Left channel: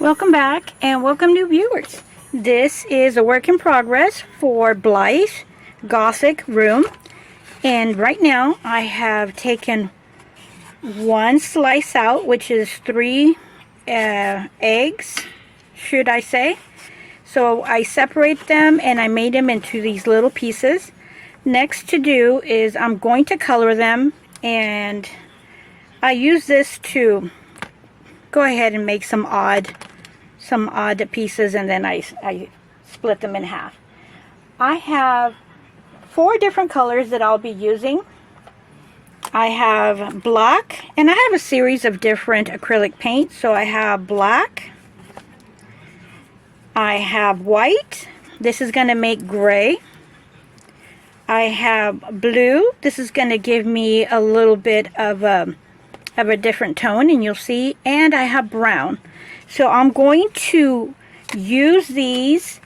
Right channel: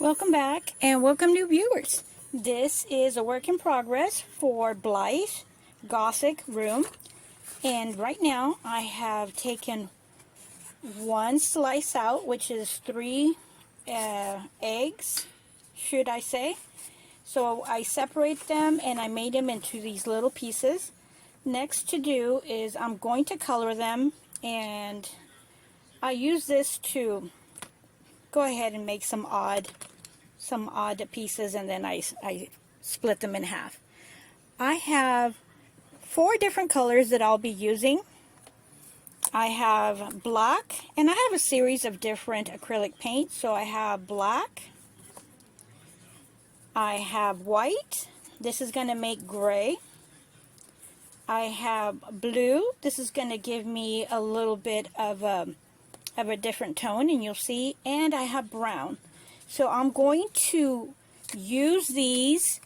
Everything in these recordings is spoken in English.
Welcome back and welcome new viewers. This is a work in progress for Blythe Gothic Room, and right now I have taken one slice out, which is 3 eggs, should I say. So I separate them and I made them into these little pieces. Next to do is I'm going to color them, and I use this to go ahead and make some odd pieces, and then I split them in half. I have 4 different colors that I'll be using. I have black, and I have a series of different acrylic paints. So I have black, I have white, this is going to make gray, I have blue, this is going to give me a little bit of a different tone, and you'll see, and I have brown. So I'm going to use these,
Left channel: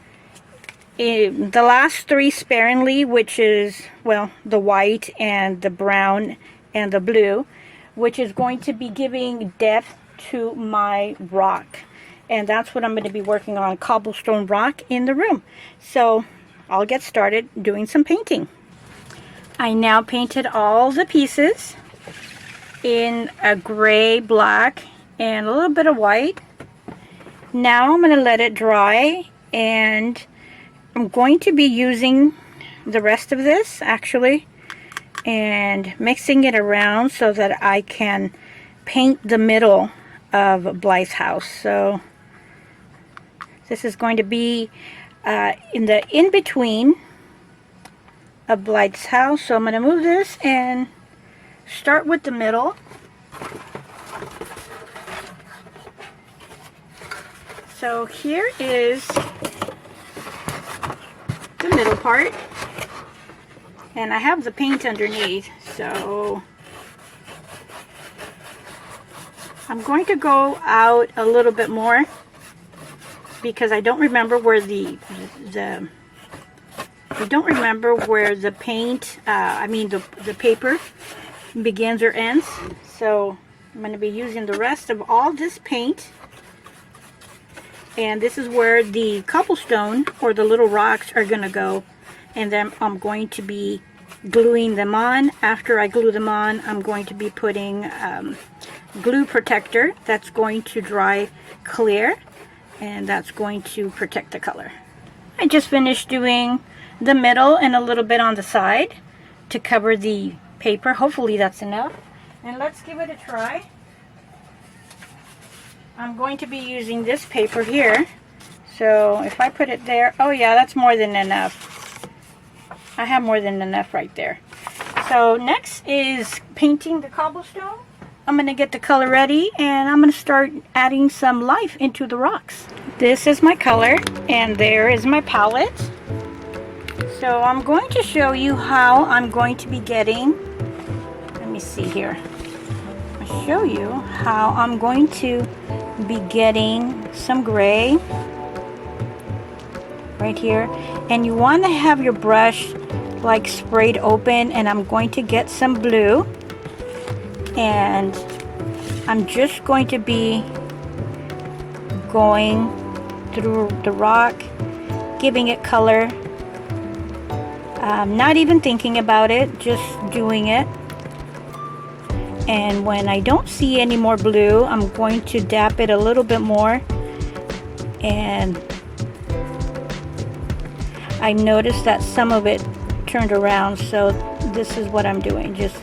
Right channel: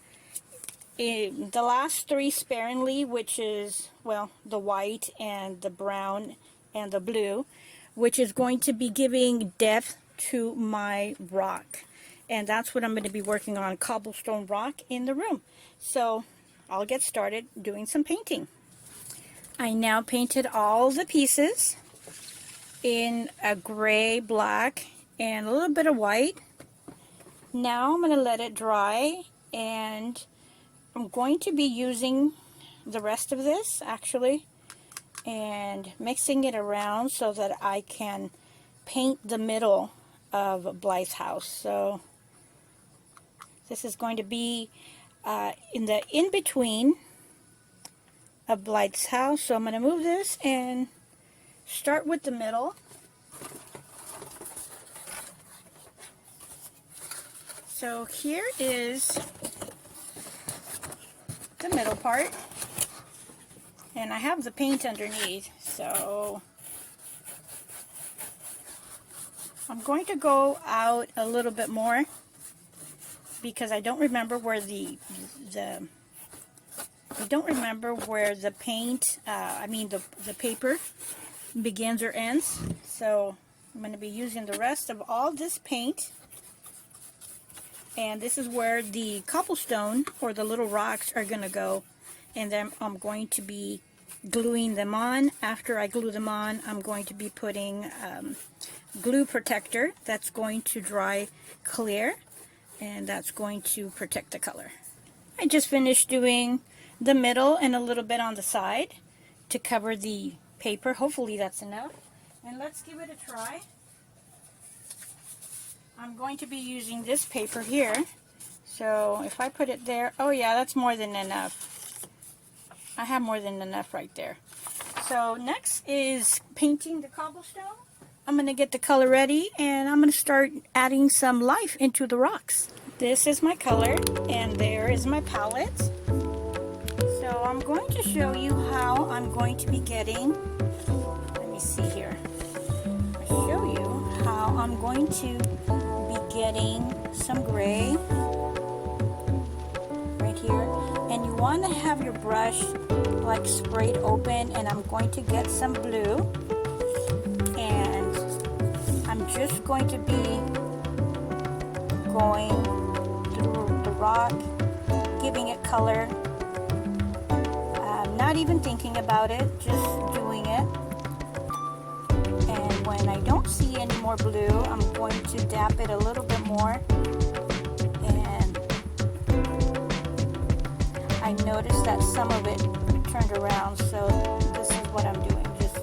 in the last 3 sparingly, which is, well, the white and the brown and the blue, which is going to be giving depth to my rock. And that's what I'm going to be working on, cobblestone rock in the room. So I'll get started doing some painting. I now painted all the pieces in a gray, black, and a little bit of white. Now I'm going to let it dry, and I'm going to be using the rest of this actually and mixing it around so that I can paint the middle of Blythe's house. So this is going to be in the in-between of Blythe's house. So I'm going to move this and start with the middle. So here is the middle part, and I have the paint underneath, so I'm going to go out a little bit more because I don't remember where the paint, the paper begins or ends. So I'm going to be using the rest of all this paint. And this is where the cobblestone or the little rocks are going to go. And then I'm going to be gluing them on. After I glue them on, I'm going to be putting glue protector that's going to dry clear. And that's going to protect the color. I just finished doing the middle and a little bit on the side to cover the paper. Hopefully that's enough. And let's give it a try. I'm going to be using this paper here, so if I put it there, oh yeah, that's more than enough. I have more than enough right there. So next is painting the cobblestone. I'm going to get the color ready, and I'm going to start adding some life into the rocks. This is my color, and there is my palette. So I'm going to show you how I'm going to be getting, let me see here. I'll show you how I'm going to be getting some gray right here, and you want to have your brush like sprayed open, and I'm going to get some blue, and I'm just going to be going through the rock, giving it color, not even thinking about it, just doing it. And when I don't see any more blue, I'm going to dap it a little bit more. And I noticed that some of it turned around, so this is what I'm doing, just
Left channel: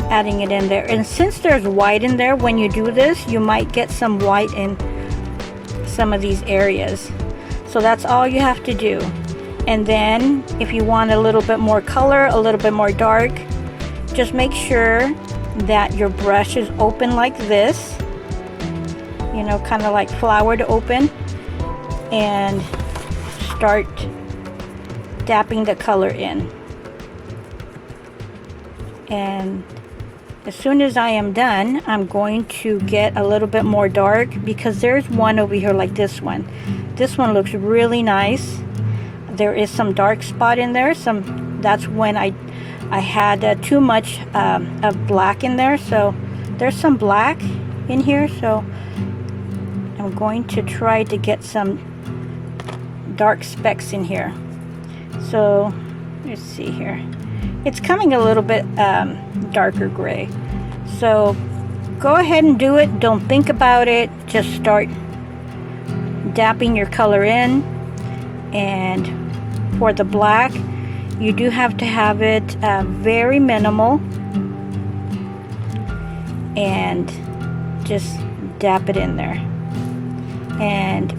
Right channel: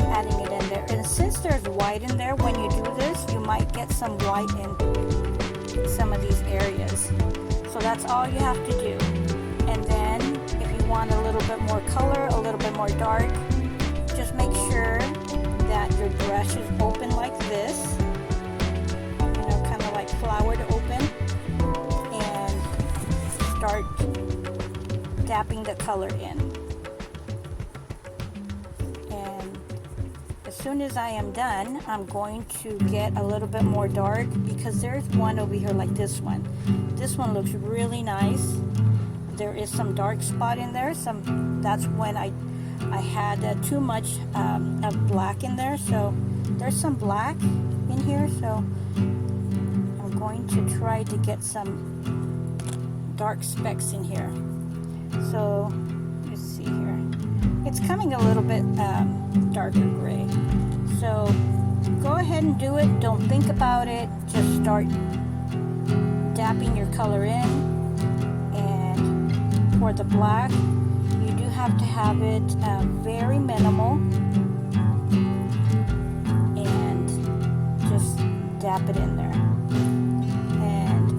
adding it in there. And since there's white in there, when you do this, you might get some white in some of these areas. So that's all you have to do. And then if you want a little bit more color, a little bit more dark, just make sure that your brush is open like this, you know, kind of like flowered open, and start dapping the color in. And as soon as I am done, I'm going to get a little bit more dark, because there's one over here like this one. This one looks really nice. There is some dark spot in there. That's when I had too much of black in there, so there's some black in here, so I'm I'm going to try to get some dark specks in here. So let's see here. It's coming a little bit darker gray. So go ahead and do it. Don't think about it. Just start dapping your color in. And for the black, you do have to have it very minimal. And just dap it in there. And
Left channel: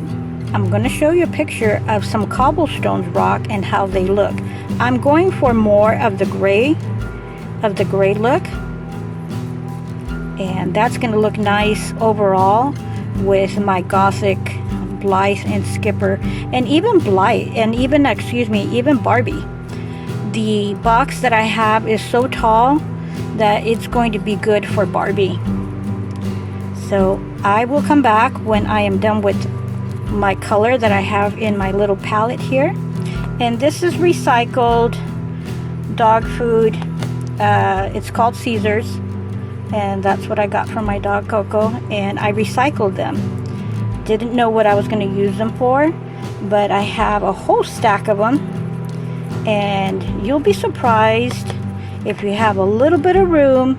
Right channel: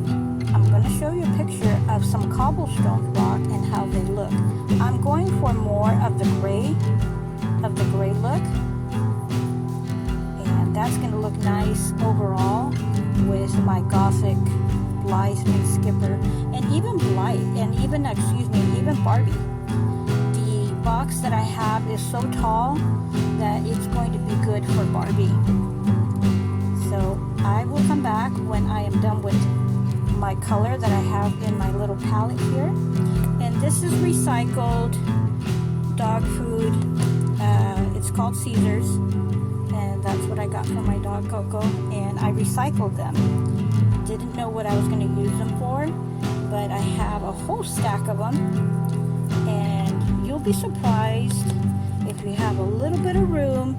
I'm going to show you a picture of some cobblestones rock and how they look. I'm going for more of the gray look, and that's going to look nice overall with my Gothic Blythe and Skipper, and even Blythe, and even even Barbie. The box that I have is so tall that it's going to be good for Barbie. So I will come back when I am done with my color that I have in my little palette here. And this is recycled dog food. It's called Caesar's, and that's what I got from my dog Coco, and I recycled them. Didn't know what I was going to use them for, but I have a whole stack of them, and you'll be surprised if you have a little bit of room.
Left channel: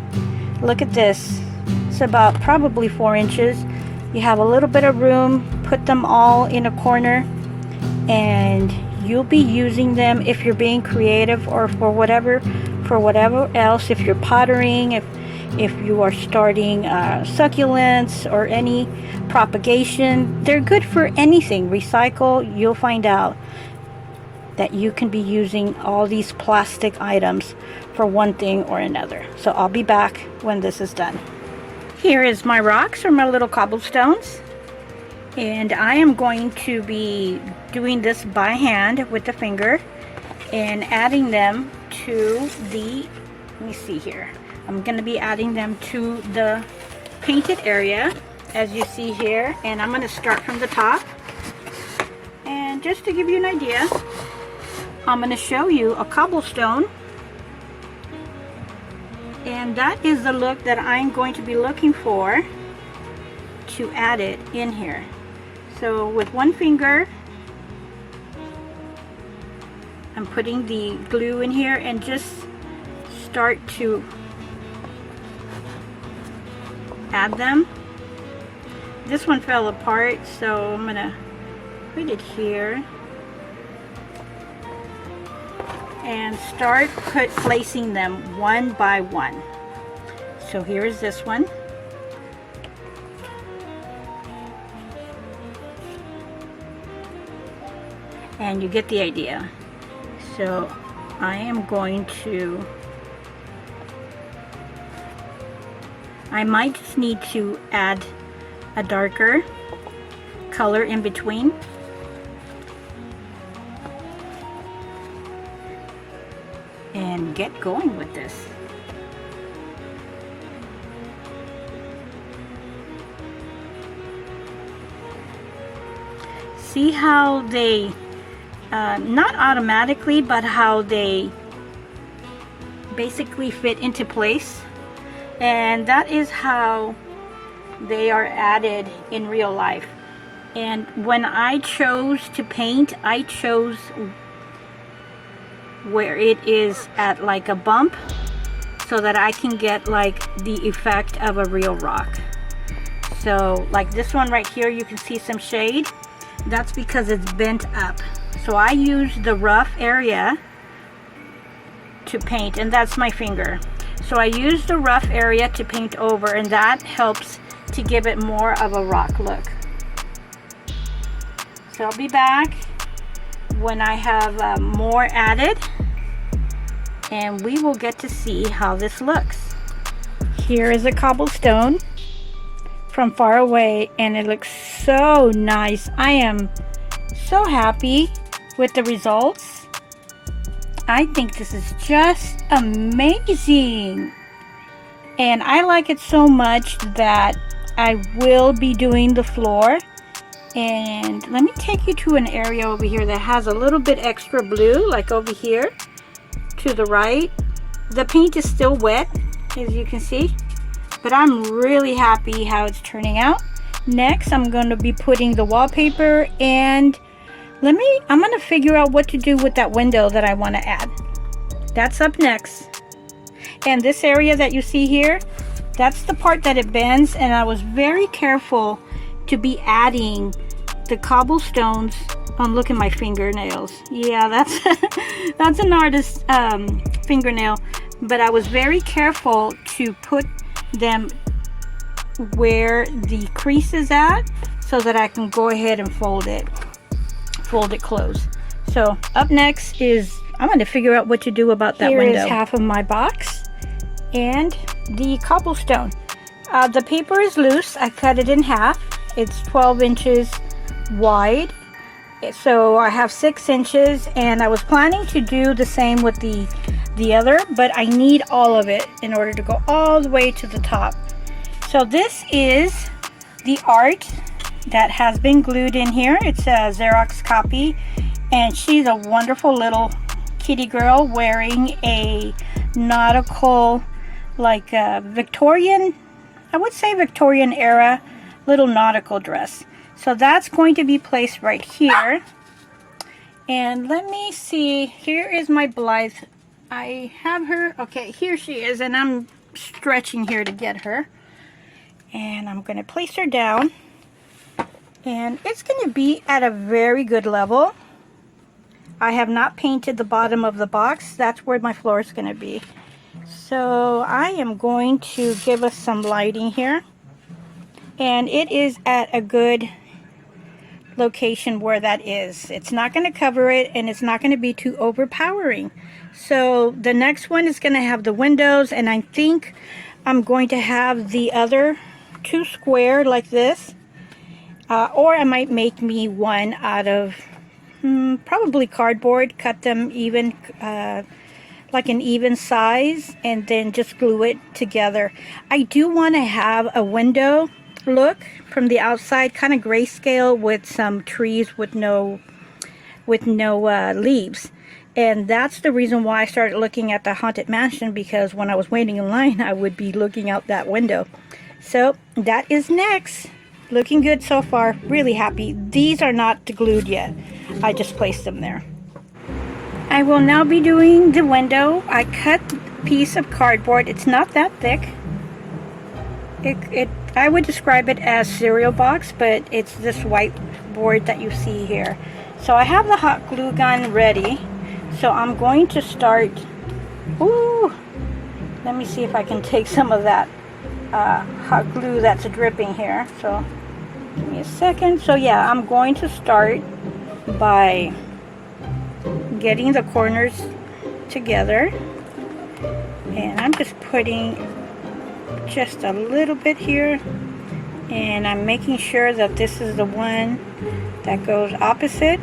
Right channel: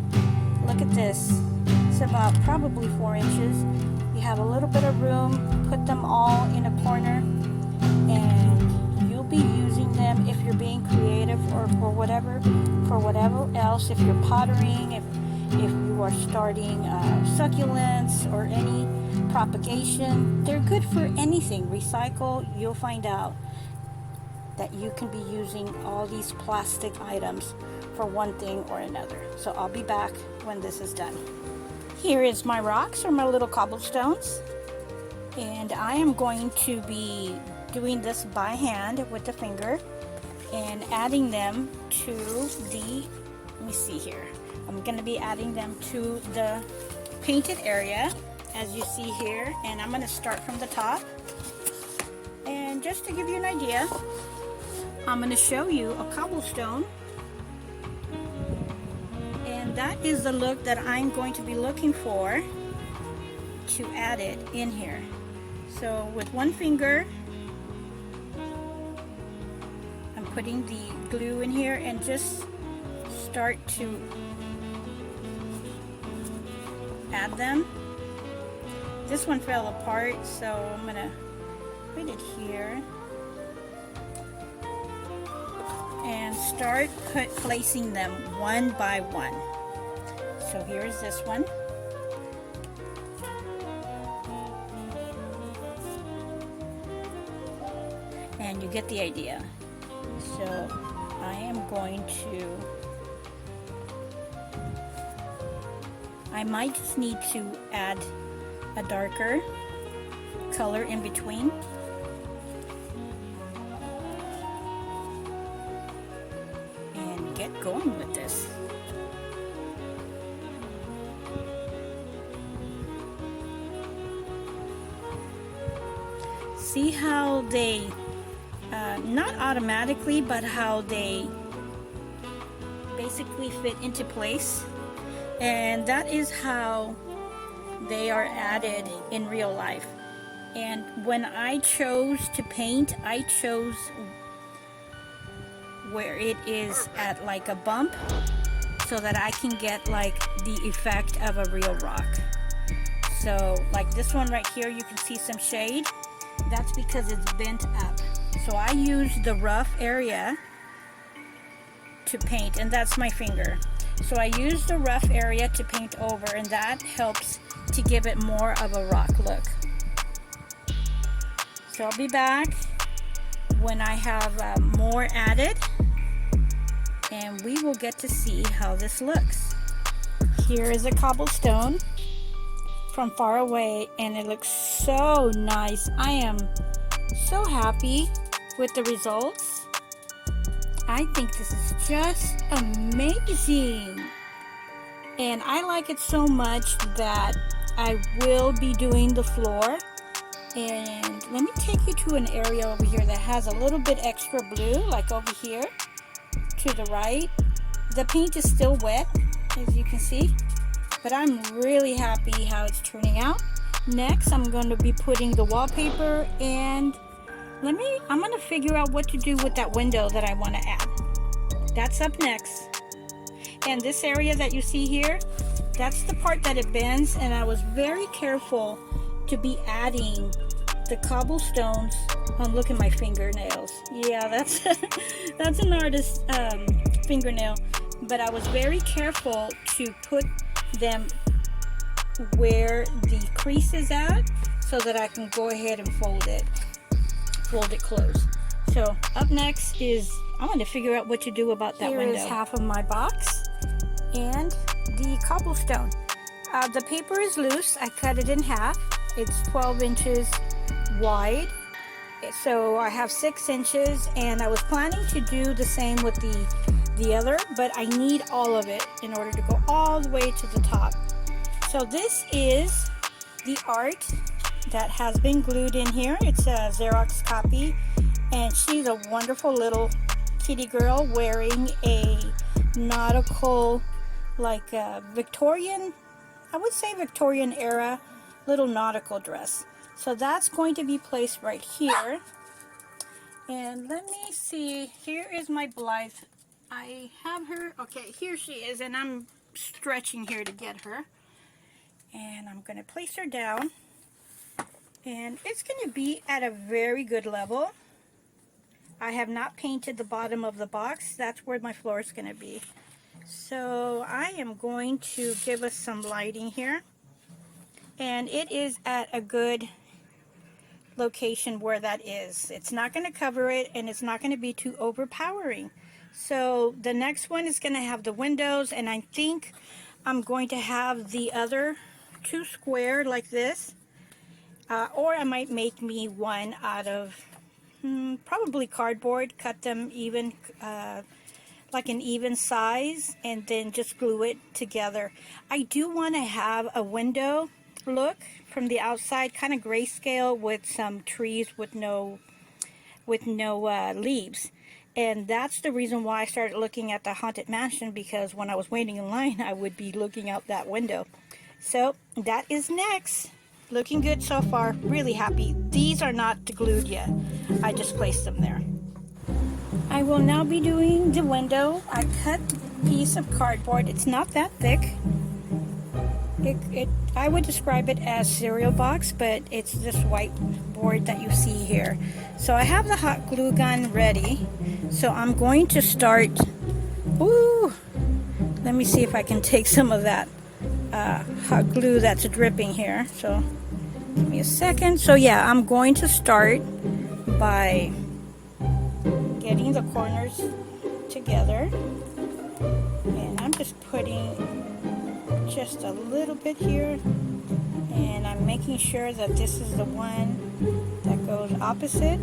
Look at this. It's about probably 4 inches. You have a little bit of room, put them all in a corner, and you'll be using them if you're being creative, or for whatever else. If you're pottering, if you are starting succulents or any propagation, they're good for anything. Recycle, you'll find out that you can be using all these plastic items for one thing or another. So I'll be back when this is done. Here is my rocks, or my little cobblestones, and I am going to be doing this by hand with the finger and adding them to the, let me see here, I'm going to be adding them to the painted area, as you see here, and I'm going to start from the top. And just to give you an idea, I'm going to show you a cobblestone. That is the look that I'm going to be looking for to add it in here. So with one finger, I'm putting the glue in here and just start to add them. This one fell apart, so I'm going to put it here and start placing them one by one. So here is this one. And you get the idea. So I am going to, I might just need to add a darker color in between. And get going with this. See how they, not automatically, but how they basically fit into place. And that is how they are added in real life. And when I chose to paint, I chose where it is at like a bump, so that I can get like the effect of a real rock. So like this one right here, you can see some shade. That's because it's bent up. So I use the rough area to paint, and that's my finger. So I use the rough area to paint over, and that helps to give it more of a rock look. So I'll be back when I have more added, and we will get to see how this looks. Here is a cobblestone from far away, and it looks so nice. I am so happy with the results. I think this is just amazing, and I like it so much that I will be doing the floor. And let me take you to an area over here that has a little bit extra blue, like over here to the right. The paint is still wet, as you can see, but I'm really happy how it's turning out. Next, I'm going to be putting the wallpaper, and I'm going to figure out what to do with that window that I want to add. That's up next. And this area that you see here, that's the part that it bends, and I was very careful to be adding the cobblestones. Oh, look at my fingernails. Yeah, that's that's an artist's fingernail, but I was very careful to put them where the crease is at so that I can go ahead and fold it closed. So up next is I'm going to figure out what to do about that window. Here is half of my box and the cobblestone. The paper is loose. I cut it in half. It's 12 inches wide, so I have 6 inches, and I was planning to do the same with the other, but I need all of it in order to go all the way to the top. So this is the art that has been glued in here. It's a Xerox copy, and she's a wonderful little kitty girl wearing a nautical, like a Victorian, I would say Victorian era little nautical dress. So that's going to be placed right here. And let me see, here is my Blythe. I have her, okay, here she is, and I'm stretching here to get her. And I'm going to place her down. And it's going to be at a very good level. I have not painted the bottom of the box. That's where my floor is going to be. So I am going to give us some lighting here. And it is at a good location where that is. It's not going to cover it, and it's not going to be too overpowering. So the next one is going to have the windows, and I think I'm going to have the other two square like this, or I might make me one out of probably cardboard, cut them even like an even size, and then just glue it together. I do want to have a window look from the outside, kind of grayscale with some trees with no leaves. And that's the reason why I started looking at the Haunted Mansion, because when I was waiting in line, I would be looking out that window. So that is next. Looking good so far. Really happy. These are not glued yet. I just placed them there. I will now be doing the window. I cut a piece of cardboard. It's not that thick. I would describe it as cereal box, but it's this white board that you see here. So I have the hot glue gun ready. So I'm going to start. Ooh, let me see if I can take some of that hot glue that's dripping here. So give me a second. So yeah, I'm going to start by getting the corners together, and I'm just putting just a little bit here, and I'm making sure that this is the one that goes opposite.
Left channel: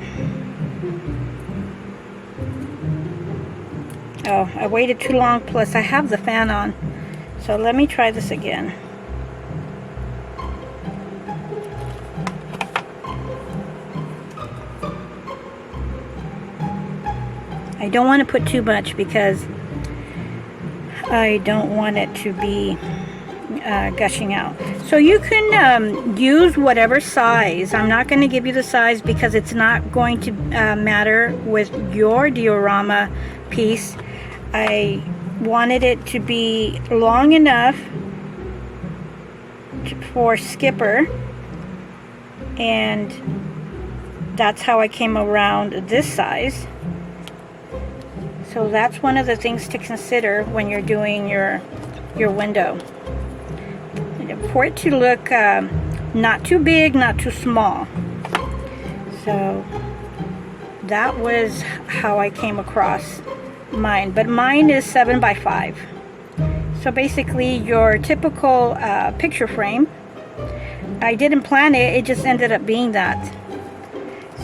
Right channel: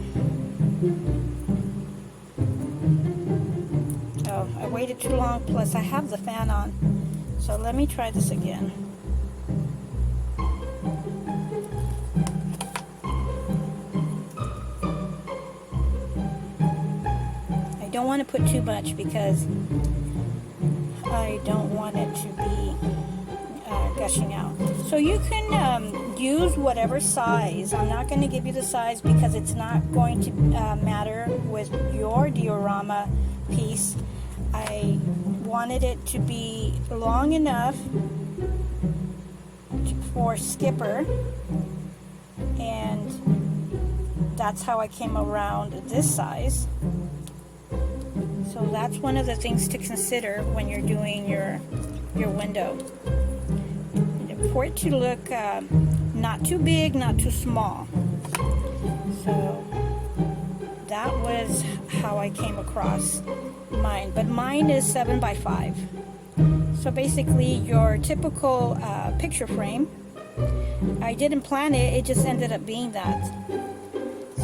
Oh, I waited too long, plus I have the fan on. So let me try this again. I don't want to put too much because I don't want it to be gushing out. So you can use whatever size. I'm not going to give you the size because it's not going to matter with your diorama piece. I wanted it to be long enough for Skipper, and that's how I came around this size. So that's one of the things to consider when you're doing your window. And for it to look not too big, not too small. So that was how I came across mine. But mine is 7 by 5. So basically your typical picture frame. I didn't plan it, it just ended up being that.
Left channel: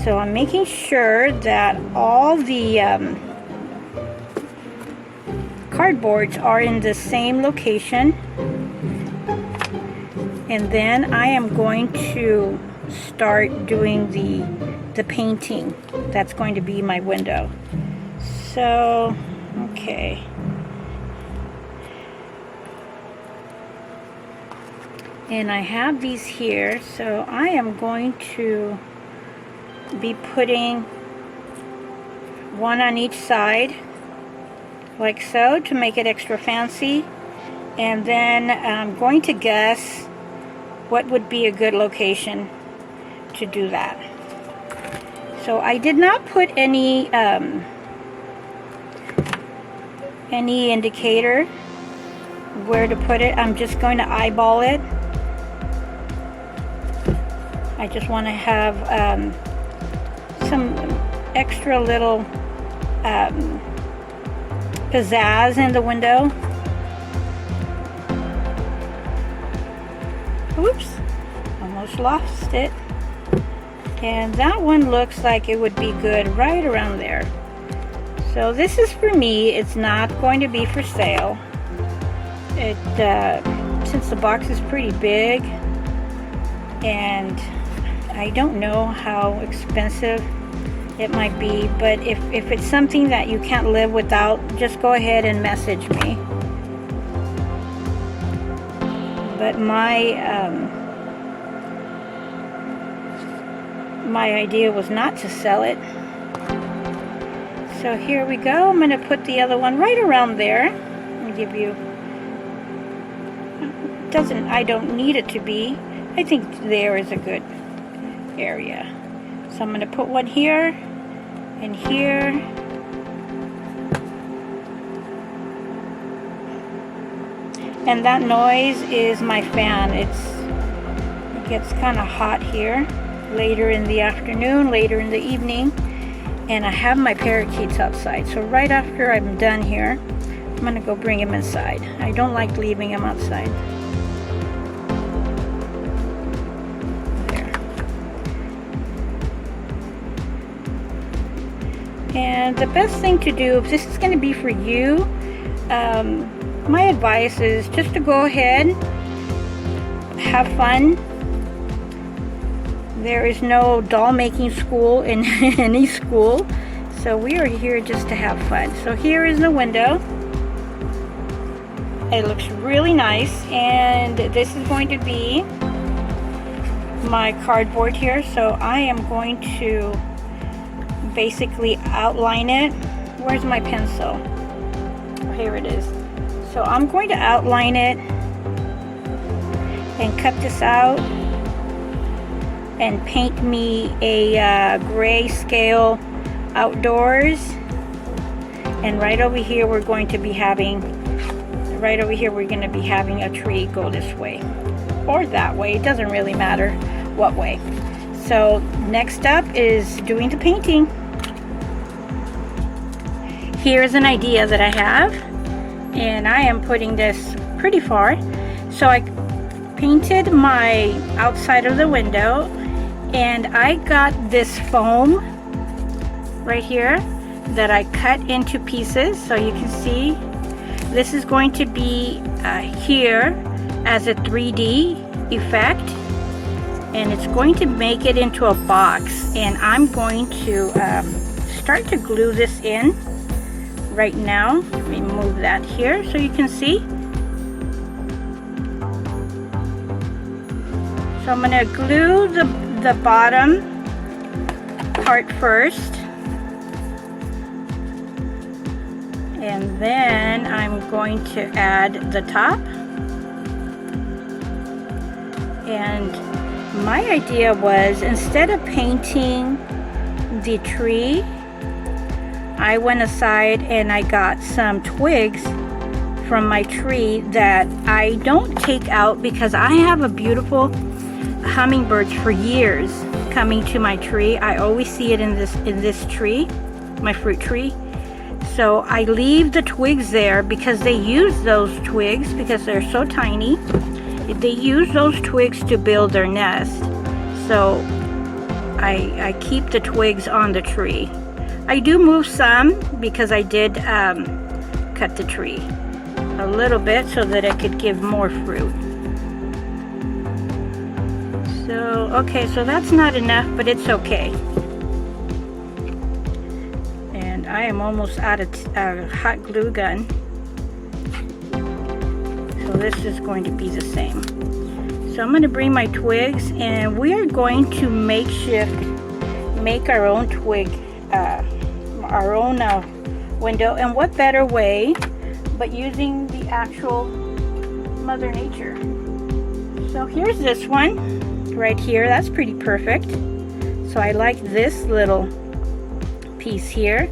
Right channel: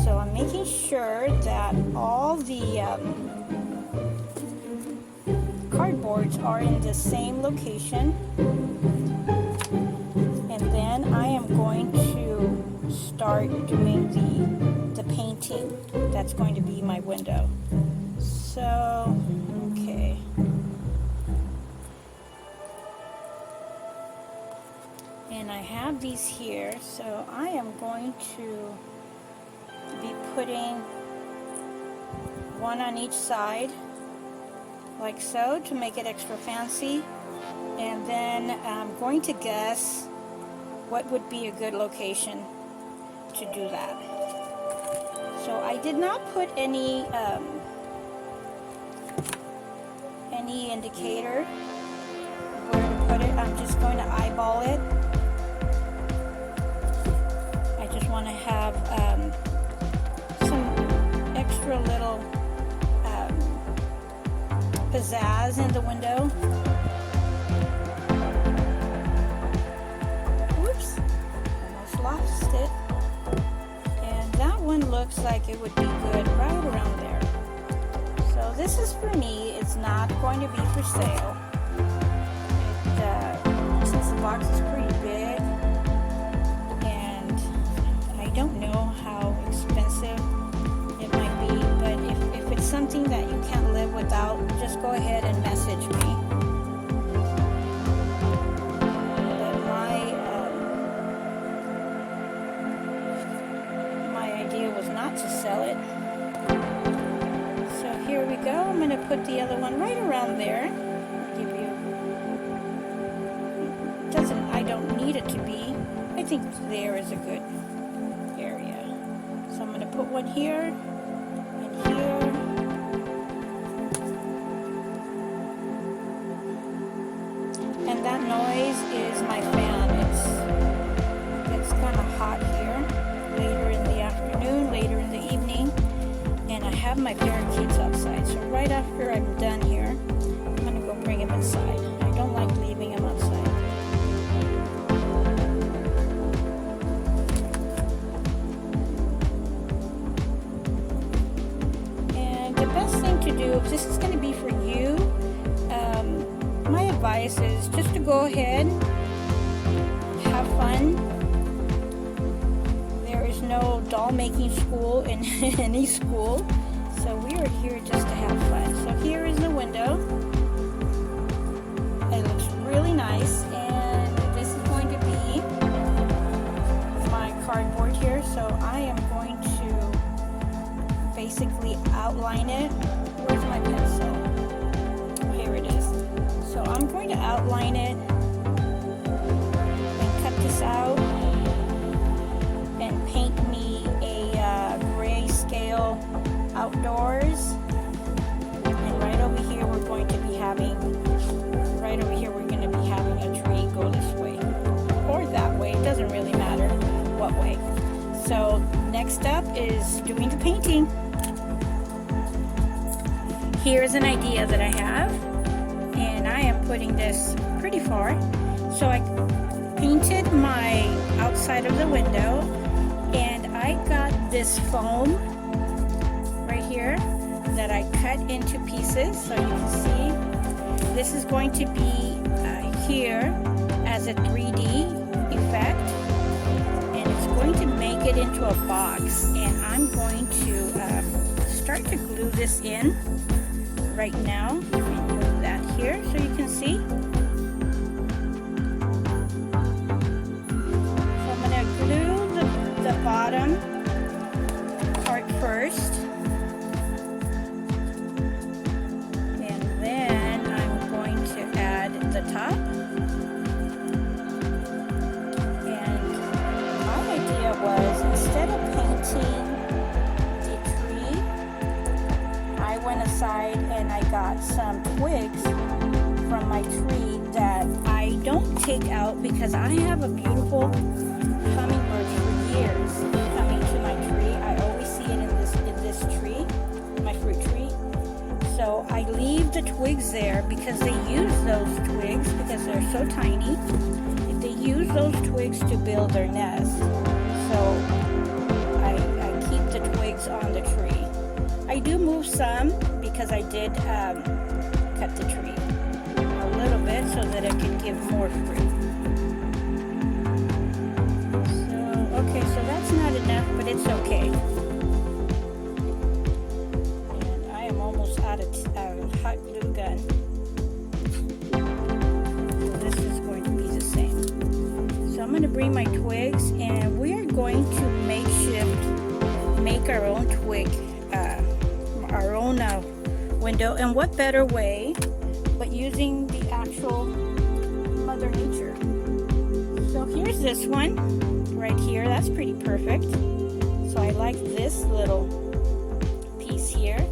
So I'm making sure that all the cardboards are in the same location, and then I am going to start doing the painting that's going to be my window. So okay, And I have these here, so I am going to be putting one on each side, like so, to make it extra fancy. And then I'm going to guess what would be a good location to do that. So I did not put any indicator where to put it. I'm just going to eyeball it. I just want to have some extra little pizzazz in the window. Oops, almost lost it. And that one looks like it would be good right around there. So this is for me. It's not going to be for sale. Since the box is pretty big, and I don't know how expensive it might be, but if it's something that you can't live without, just go ahead and message me. But my idea was not to sell it. So here we go. I'm going to put the other one right around there. Let me give you, I don't need it to be. I think there is a good area. So I'm going to put one here and here. And that noise is my fan. It gets kind of hot here later in the afternoon, later in the evening. And I have my parakeets outside. So right after I'm done here, I'm going to go bring them inside. I don't like leaving them outside. And the best thing to do, if this is going to be for you, my advice is just to go ahead, have fun. There is no doll making school in any school, so we are here just to have fun. So here is the window. It looks really nice, and this is going to be my cardboard here. So I am going to basically outline it. Where's my pencil? Here it is. So I'm going to outline it and cut this out and paint me a gray scale outdoors. And right over here we're going to be having a tree go this way or that way. It doesn't really matter what way. So next up is doing the painting. Here's an idea that I have, and I am putting this pretty far. So I painted my outside of the window, and I got this foam right here that I cut into pieces. So you can see this is going to be here as a 3D effect, and it's going to make it into a box. And I'm going to start to glue this in right now. Let me move that here so you can see. So I'm going to glue the bottom part first, and then I'm going to add the top. And my idea was, instead of painting the tree, I went aside and I got some twigs from my tree that I don't take out because I have a beautiful hummingbirds for years coming to my tree. I always see it in this tree, my fruit tree. So I leave the twigs there because they use those twigs, because they're so tiny, they use those twigs to build their nest. So I keep the twigs on the tree. I do move some because I did cut the tree a little bit so that it could give more fruit. So, okay, so that's not enough, but it's okay. And I am almost out of hot glue gun. So this is going to be the same. So I'm going to bring my twigs, and we are going to make our own twig, our own window. And what better way but using the actual Mother Nature. So here's this one right here. That's pretty perfect. So I like this little piece here.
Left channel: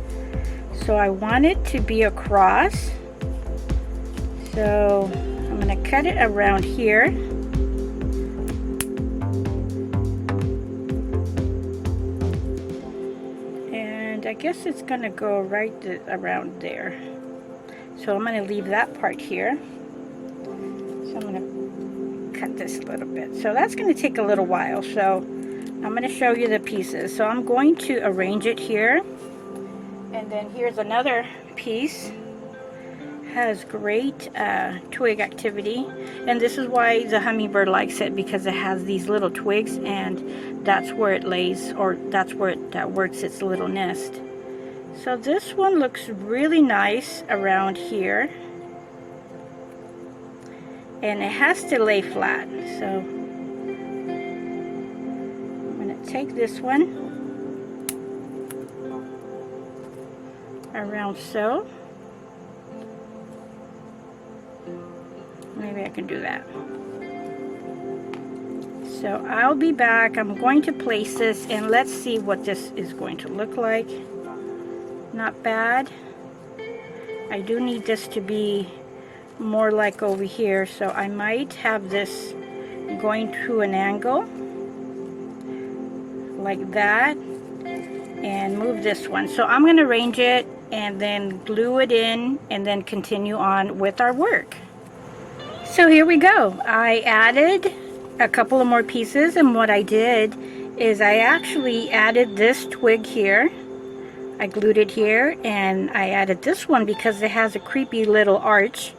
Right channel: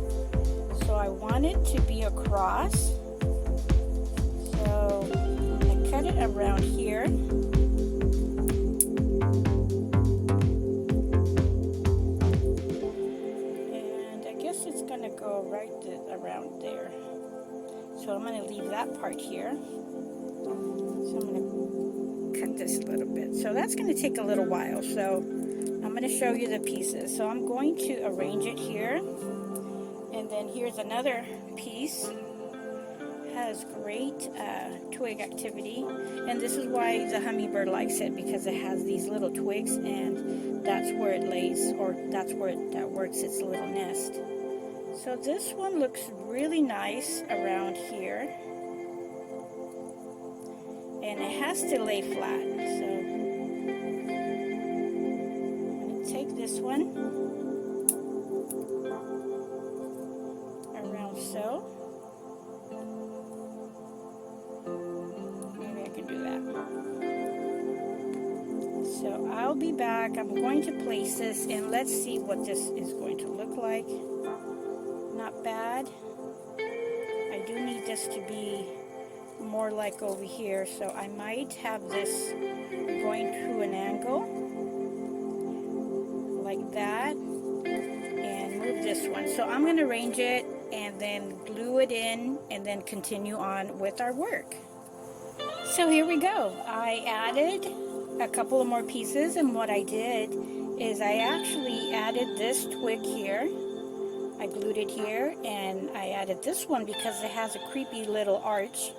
So I want it to be across. So I'm going to cut it around here. And I guess it's going to go right around there. So I'm going to leave that part here. So I'm going to cut this a little bit. So that's going to take a little while. So I'm going to show you the pieces. So I'm going to arrange it here. And then here's another piece. Has great twig activity. And this is why the hummingbird likes it, because it has these little twigs, and that's where it lays, or that's where it works its little nest. So this one looks really nice around here. And it has to lay flat. So I'm going to take this one around so. Maybe I can do that. So I'll be back. I'm going to place this, and let's see what this is going to look like. Not bad. I do need this to be more like over here, so I might have this going to an angle like that and move this one. So I'm going to arrange it and then glue it in and then continue on with our work. So here we go. I added a couple of more pieces, and what I did is I actually added this twig here. I glued it here, and I added this one because it has a creepy little arch.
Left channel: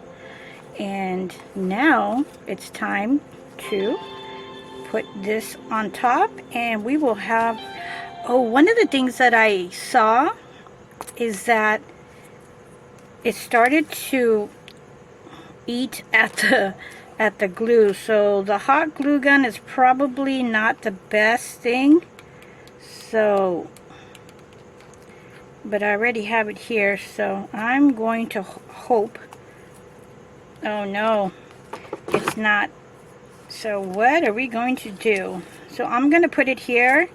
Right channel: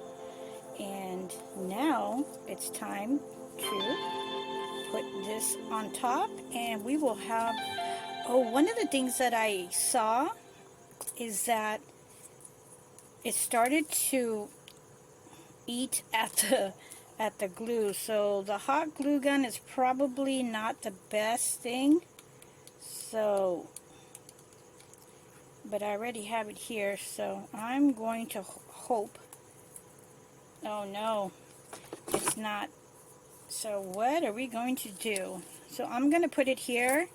And now it's time to put this on top, and we will have, oh, one of the things that I saw is that it started to eat at the glue. So the hot glue gun is probably not the best thing. So, but I already have it here, so I'm going to hope. Oh no, it's not. So what are we going to do? So I'm going to put it here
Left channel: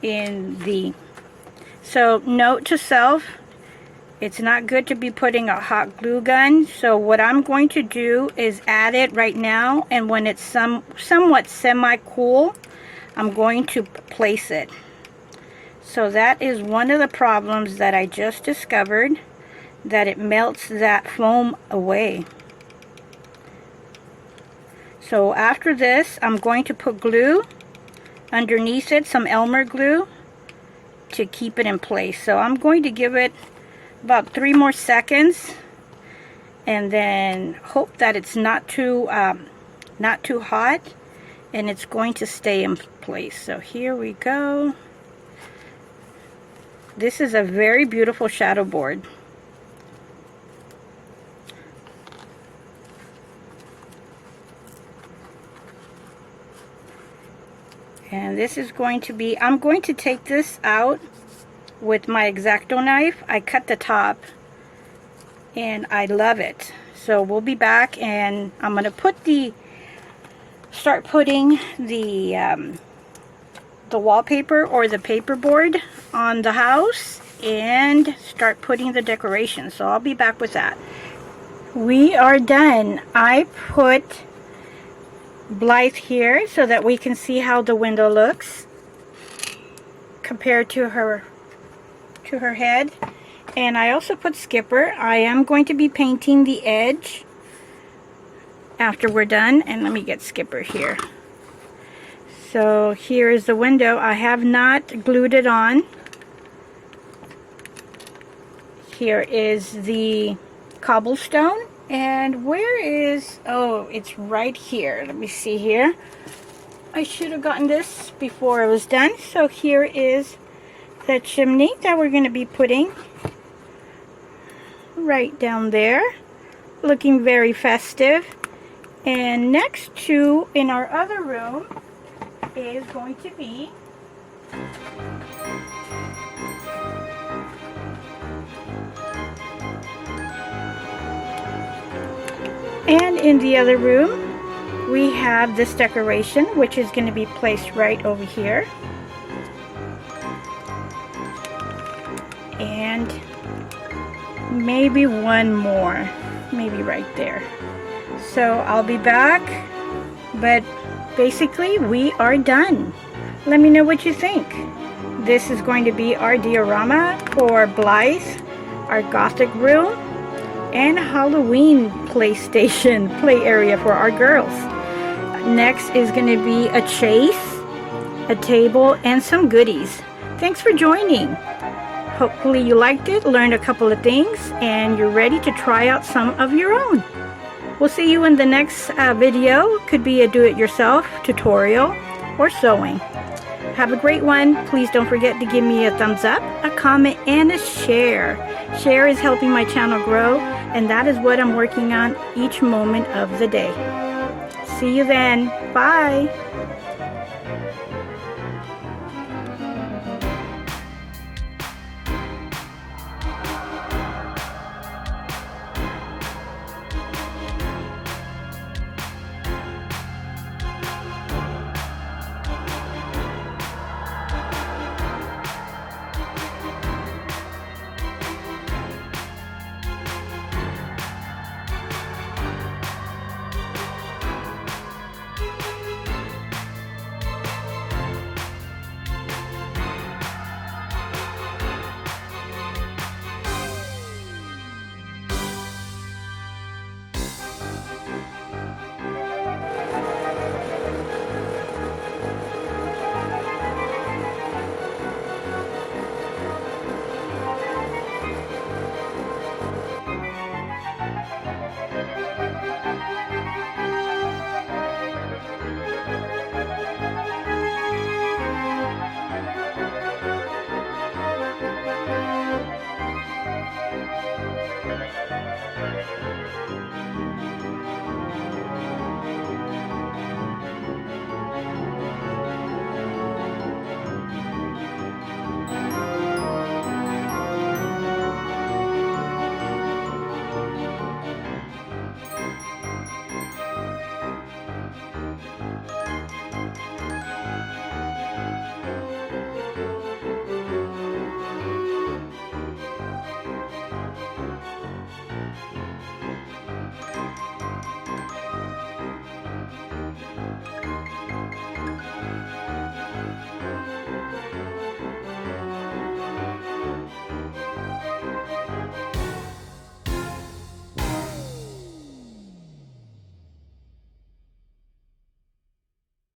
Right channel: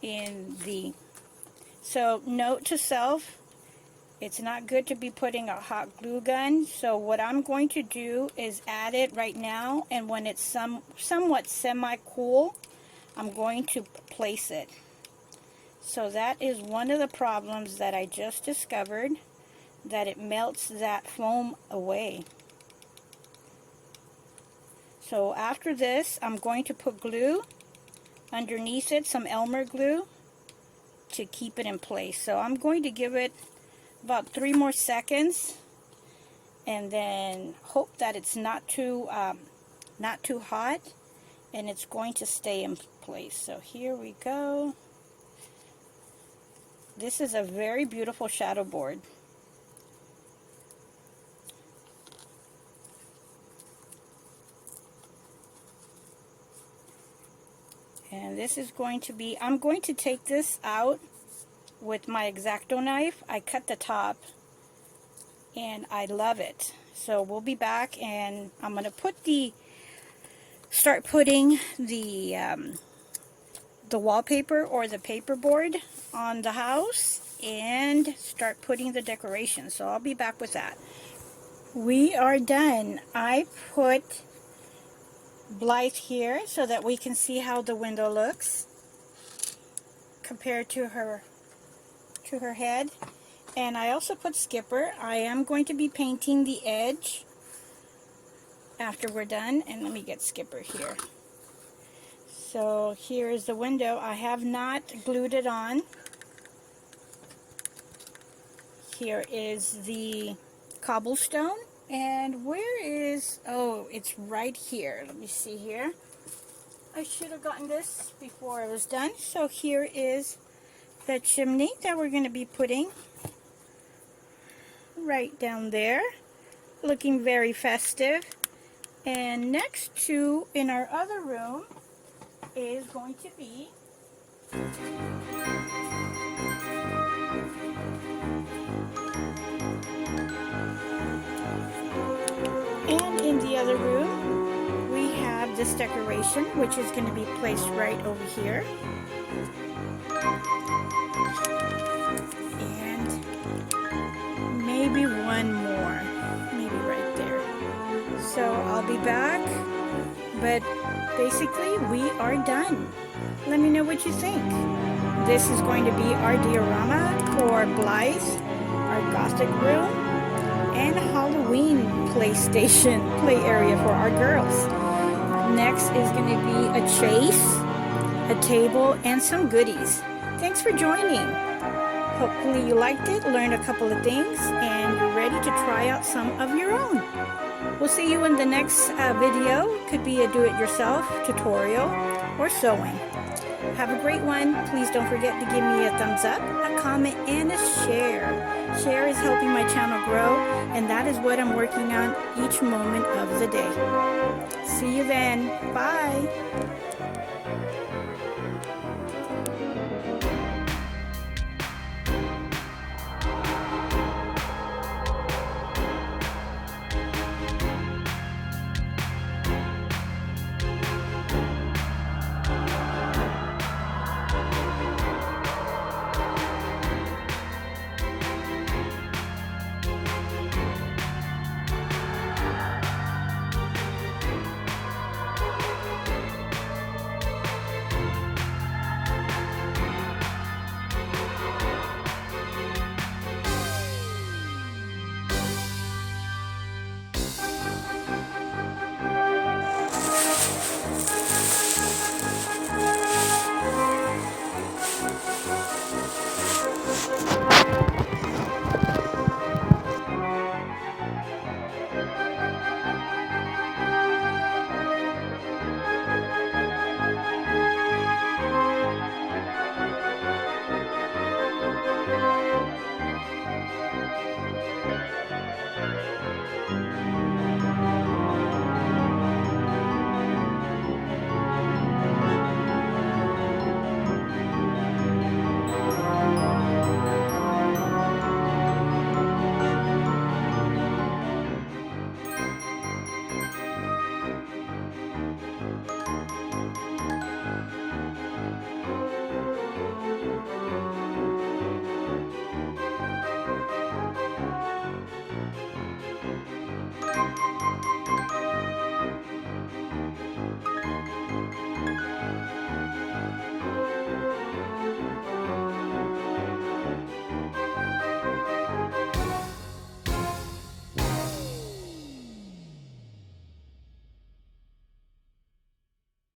in the, so note to self, it's not good to be putting a hot glue gun. So what I'm going to do is add it right now, and when it's somewhat semi-cool, I'm going to place it. So that is one of the problems that I just discovered, that it melts that foam away. So after this, I'm going to put glue underneath it, some Elmer glue, to keep it in place. So I'm going to give it about 3 more seconds, and then hope that it's not too hot, and it's going to stay in place. So here we go. This is a very beautiful shadow board. And this is going to be, I'm going to take this out with my X-Acto knife. I cut the top, and I love it. So we'll be back, and I'm going to start putting the wallpaper or the paperboard on the house, and start putting the decorations. So I'll be back with that. We are done. I put Blythe here so that we can see how the window looks compared to her head. And I also put Skipper. I am going to be painting the edge after we're done. And let me get Skipper here. So here is the window. I have not glued it on. Here is the cobblestone. And where is, oh, it's right here. Let me see here. I should have gotten this before it was done. So here is the chimney that we're going to be putting right down there. Looking very festive. And next to, in our other room, is going to be and in the other room, we have this decoration, which is going to be placed right over here. And maybe one more, maybe right there. So I'll be back, but basically we are done. Let me know what you think. This is going to be our diorama for Blythe, our Gothic room, and Halloween play area for our girls. Next is going to be a chase, a table, and some goodies. Thanks for joining. Hopefully you liked it, learned a couple of things, and you're ready to try out some of your own. We'll see you in the next video. Could be a do-it-yourself tutorial or sewing. Have a great one. Please don't forget to give me a thumbs up, a comment, and a share. Share is helping my channel grow, and that is what I'm working on each moment of the day. See you then. Bye.